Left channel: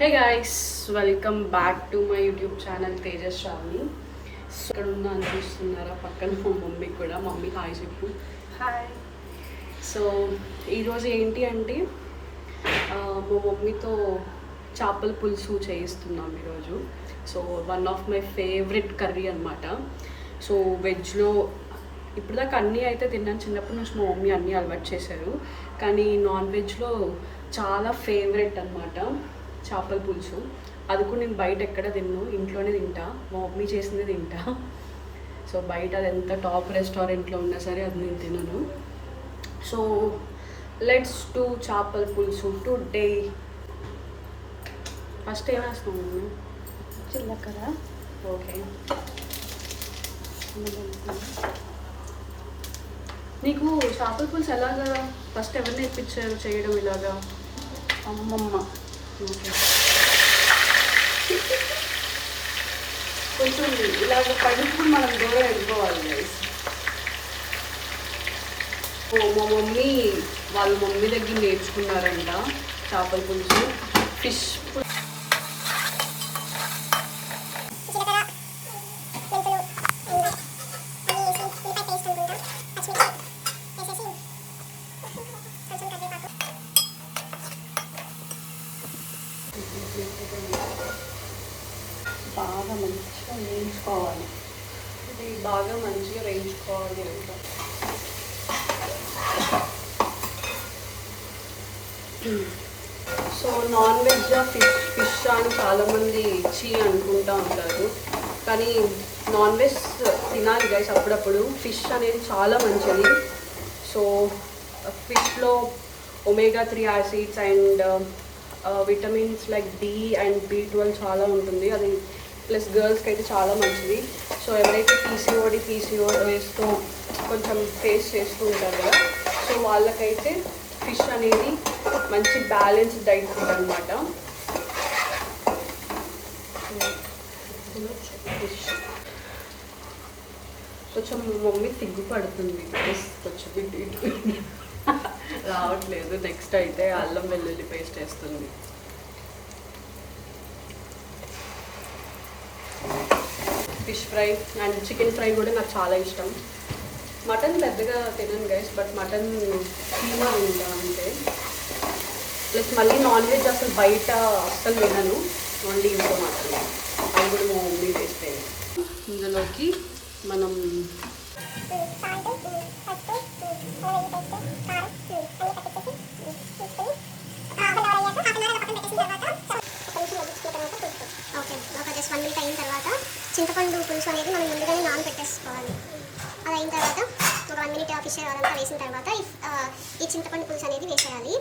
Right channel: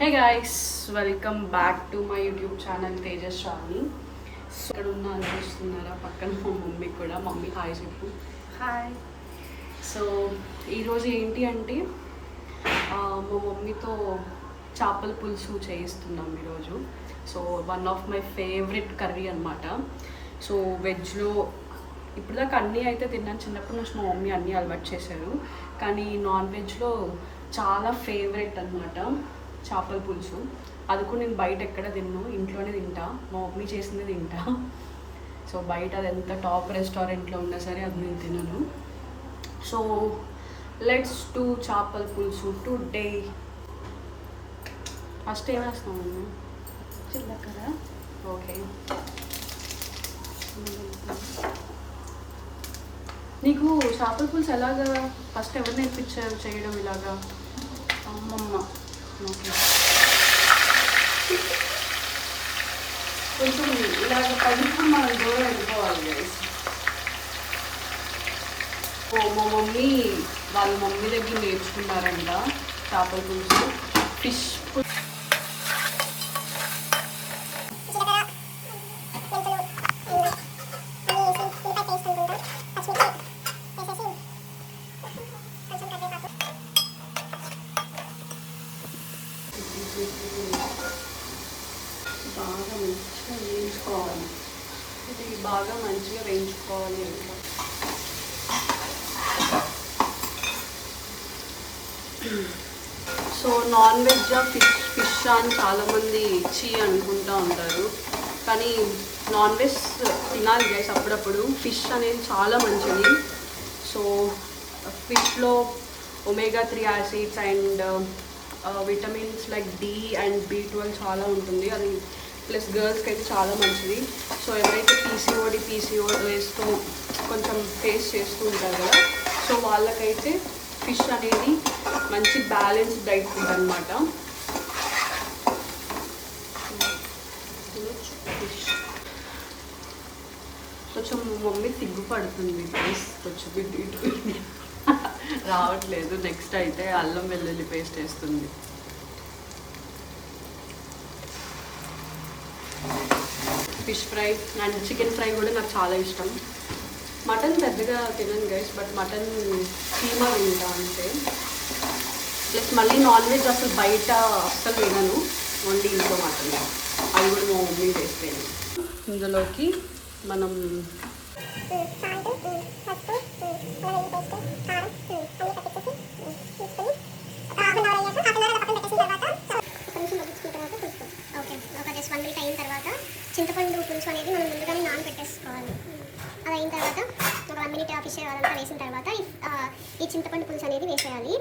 Hey guys, welcome back to my YouTube channel Tejaswami. So ఇక్కడ ఉన్న అనిపిస్తున్నారా పక్కన మా మమ్మీ కూడా. మమ్మీ హాయ్ చెప్పు. హాయ్. సో ఈరోజు ఏంటి అంటే మా మమ్మీతో చేపల పులుసు చేయిస్తున్నాం ఈరోజు. So one of my favourite curry అనమాట. సో వెజ్లో ఇప్పటిదాకా అన్నీ అయితే తిన్నాను, చిన్నప్పటి నుంచి మా మమ్మీ అన్నీ అలవాటు చేశారు. కానీ నాన్ వెజ్లో చాలా ఫేవరెట్ అనమాట చేపల పులుసు. అది కూడా నేను బయట ఎక్కడ తిన్నాను, ఇంట్లోనే తింటా, మా మమ్మీ చేసింది తింటా. సో బయట అది ఎంత టాప్ రెస్టారెంట్లో ఉన్నా సరే అది నేను తినను. సో లెట్స్ డూ చేపల పులుసు టుడే. ఫస్ట్ ఏం వేస్తున్నాను? జీలకర్ర. ఓకే. నీకు చేపల పులుసు ఎలాగా ఫస్ట్ ఎవరు నేర్పించారు చేయడం ఇలాగా? అమ్మమ్మ. ఓకే. కొంచెం ఇలాగ పడినప్పుడు మనం దూరం వెళ్ళిపోవాలి గైస్. మా మమ్మీ వాళ్ళ మమ్మీ దగ్గర నేర్చుకున్నారంట చేపల పులుసు. ఫిష్ బాగా మంచిగా వేయించుకోవాలి. ఇది బాగా మంచిగా వేయించుకోవాలి అంట. సో నాన్ వెజ్ ఫిష్ అని చాలామంది ఇచ్చి అనుకుంటూ ఉంటారు, కానీ నాన్ వెజ్ తినాలి గైస్ అప్పుడప్పుడు. ఫిష్ అనేది చాలా మంచిది. సో ఫిష్లో omega 3 acids and vitamins like D and B12 చాలా ఉంటుంది. అది ప్లస్ గర్ల్స్కి అయితే చాలా మంచిది. సో ఎవరైతే PCODతో కొంచెం ఫేస్ చేస్తూ ఉంటారు కదా, సో వాళ్ళకైతే ఫిష్ అనేది మంచి బ్యాలెన్స్డ్ డైట్ ఫుడ్ అనమాట. ఫిష్ కొంచెం మమ్మీ సిగ్గుపడుతుంది గైస్, కొంచెం ఇటు రావట్లేదు. నెక్స్ట్ అయితే అల్లం వెల్లుల్లి పేస్ట్ వేస్తుంది. Fish fry and chicken fry కూడా నాకు చాలా ఇష్టం. మటన్ పెద్దగా తినను గైస్, బట్ మటన్ కీమా తింటా అంతే. ప్లస్ మళ్ళీ నాన్ వెజ్ అసలు బయట అస్సలు తినను, ఓన్లీ ఇంట్లో మాత్రమే. అది కూడా మా మమ్మీ చేస్తే. ఇందులోకి మనం చింతపండు పులుసు అనేది మనం ముందుగానే నానబెట్టేసుకోవాలి. అది అయిన తర్వాత ఒక 1 మినిట్ ఫిష్ అదంతా వేసిన తర్వాత ఈ చింతపండు పులుసు అనేది వేసేయాలి.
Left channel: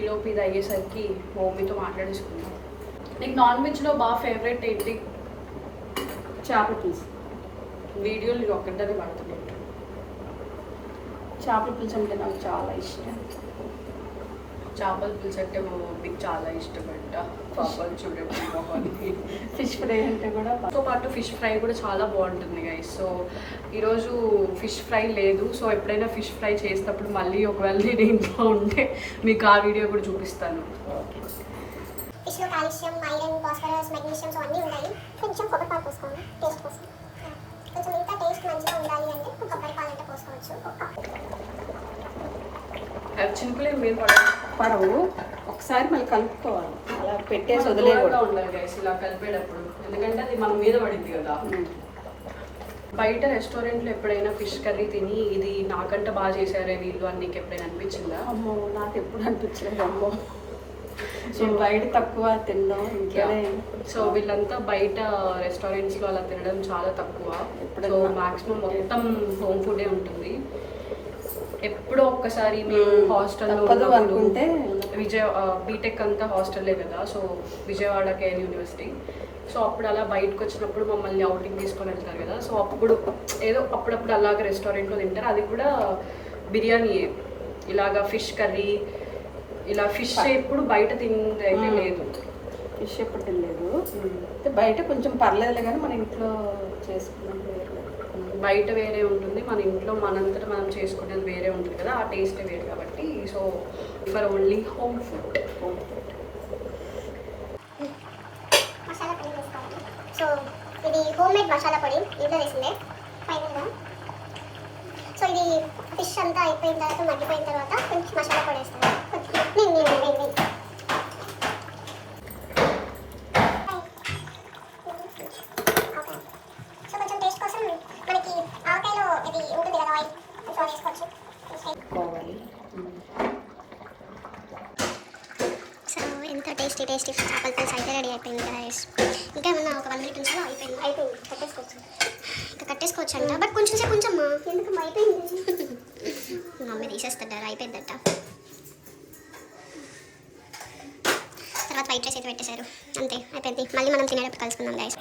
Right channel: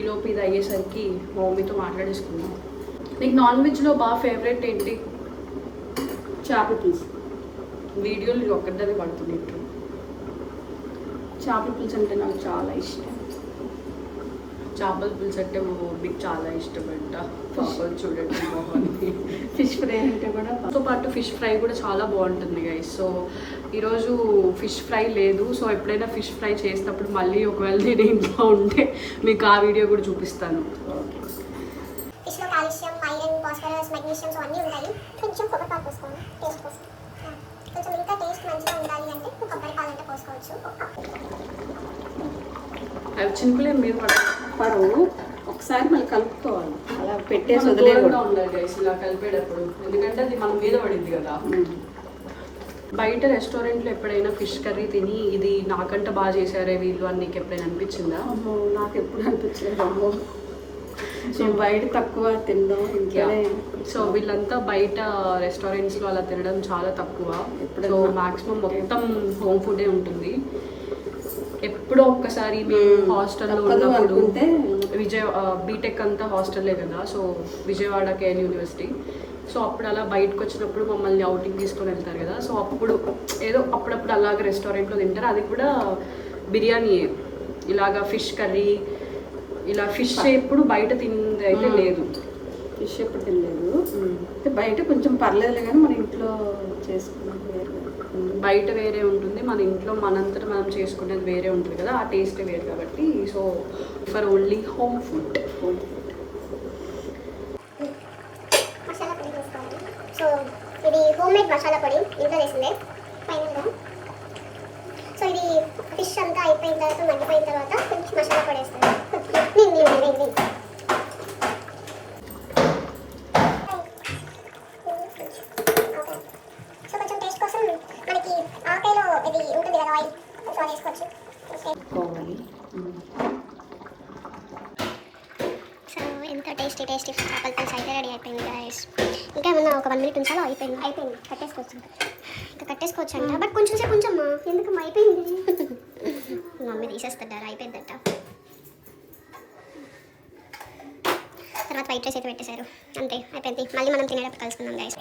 ఈలోపు ఇది అయ్యేసరికి మా మమ్మీతో మాట్లాడేసుకున్నాం. నీకు నాన్ వెజ్లో బాగా ఫేవరెట్ ఏంటి? చేపల పులుసు. వీడియోలు ఒక్కటే పడుతున్నట్టు. చేపల పులుసు అంటే నాకు చాలా ఇష్టం. చేపల పులుసు అంటే మా మమ్మీకి చాలా ఇష్టం అంట. పాపలు చూడండి మొహాన్ని. ఫిష్ ఫ్రై అంటే కూడా తో పాటు ఫిష్ ఫ్రై కూడా చాలా బాగుంటుంది గైస్. సో ఈరోజు ఫిష్ ఫ్రై లేదు. సో ఎప్పుడైనా ఫిష్ ఫ్రై చేసేటప్పుడు మళ్ళీ ఒకవేళ నేను ఇంట్లో ఉంటే మీకు ఆ వీడియో కూడా చూపిస్తాను. ఫిష్లో కాల్షియం, ఐరన్, ఫాస్ఫరస్, మెగ్నీషియం అన్నీ ఉంటాయి. కొంచెం కొబ్బరిపాలు పోసుకోండి టేస్ట్ కోసం. కొంచెం ఇంకా టేస్ట్ మంచిగా ఉండాలి అంటే కొబ్బరిపాలు అంటే పోసుకోవచ్చు. చినుకులే మీద పడవు, ఒకసారి మళ్ళీ కలుపుకోవాలి. అలా పెట్టేసి దూరంగా ఉండాలి గైస్ ఇలా కలిపేటప్పుడు, ఎందుకంటే అది మన మీద పడింది కదా. బయట రెస్టారెంట్లో ఎప్పుడైనా ఫిష్ కర్రీ తిని ఇది నాకంటే బాగా చేశారే వీళ్ళు అని నీకు ఎప్పుడైనా అనిపించిందా? అమ్మో, నాకు ఎప్పుడు అనిపించింది అమ్మో. సో బయట తక్కువ తిన్నాం. సో వీళ్ళంతా బయట రెస్టారెంట్స్లో అలా తినడం చాలా తక్కువ. సో మ్యాక్సిమం మొత్తం హోమ్ ఫుడే ఉంటుంది. ఎప్పుడో ఒక్కసారి మేము హాస్టల్లో ఉన్నప్పుడు బీటెక్ అంతా హాస్టల్లే కదా, so Vijayawada KL university. So అప్పుడు అలా బయటకు వచ్చినప్పుడు మమ్మల్ని అవుటింగ్ తీసుకొని వెళ్తారు కదా, సో అప్పుడు ఏదో అప్పుడప్పుడు అలాగ రెస్టారెంట్లో తింటారు. అది కూడా బిర్యానీ, ఇలాగా ఫిష్ కర్రీ, ఇలా ఫిష్ ఎప్పుడు బయట తింది అయితే లేదు. ఫిష్ ఎప్పుడు తినలేదు. బయట కొంచెం పర్లేదు కానీ మన ఇంట్లో చేసుకుంటాం. బయట వేరే ఉంటుంది, మన ఇంట్లో మనంతటా మనం చేసుకునేది వేరే ఉంటుంది కదా, ఆ టేస్ట్ వేరు కాబట్టి. So for only home food. Masala పొడి తీసుకోవాలి. సో ఇది హోమ్ మేడ్ మసాలా పొడి, ఇంట్లో చేసిందే ఫైనల్గా. సో ఇది ఫిష్ అంతా అయిపోయిన తర్వాత, మగ్గిపోయిన తర్వాత కొంచెం మసాలా పొడి వేస్తాను. సో కొంచెం టేస్ట్ కోసం మనకి ఆవకాయలో ఇది ఉంటుంది కదా, ఆయిల్ కొంచెం వేసుకోవచ్చు. సో ఎంత టేస్టీ చేపల పులుసు అయితే రెడీ అయిపోయింది గైస్. ఇంకా ఏమన్నా ఒక 1 minute ఉంచాలో? అయిపోయింది కట్టేసుకోవచ్చు. ఇంకా కట్టేసుకోవచ్చు అంట, బట్ కొంచెం సేపు ఉంచమ్మా. ఎందుకు అయిపోయింది? మమ్మీ తీసేస్తాడారు, అయిపోయిందట. తర్వాత వైట్ రైస్ అయితే పెట్టేశారు, అంతే అయిపోయింది. మళ్ళీ మనం తినేటప్పుడు కలుసుకుందాం గైస్.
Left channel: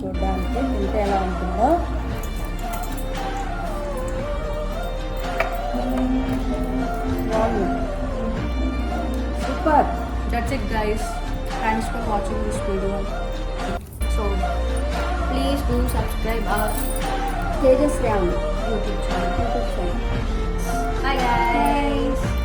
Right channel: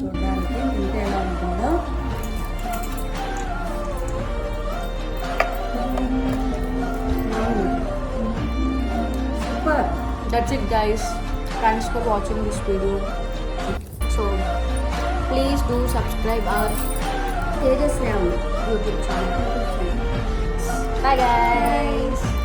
చూడడానికి ఇంకా ఎలా ఉంటుందో. Super. That's it guys. Thanks for watching this video. So please do subscribe our Tejaswi YouTube channel. Bye guys.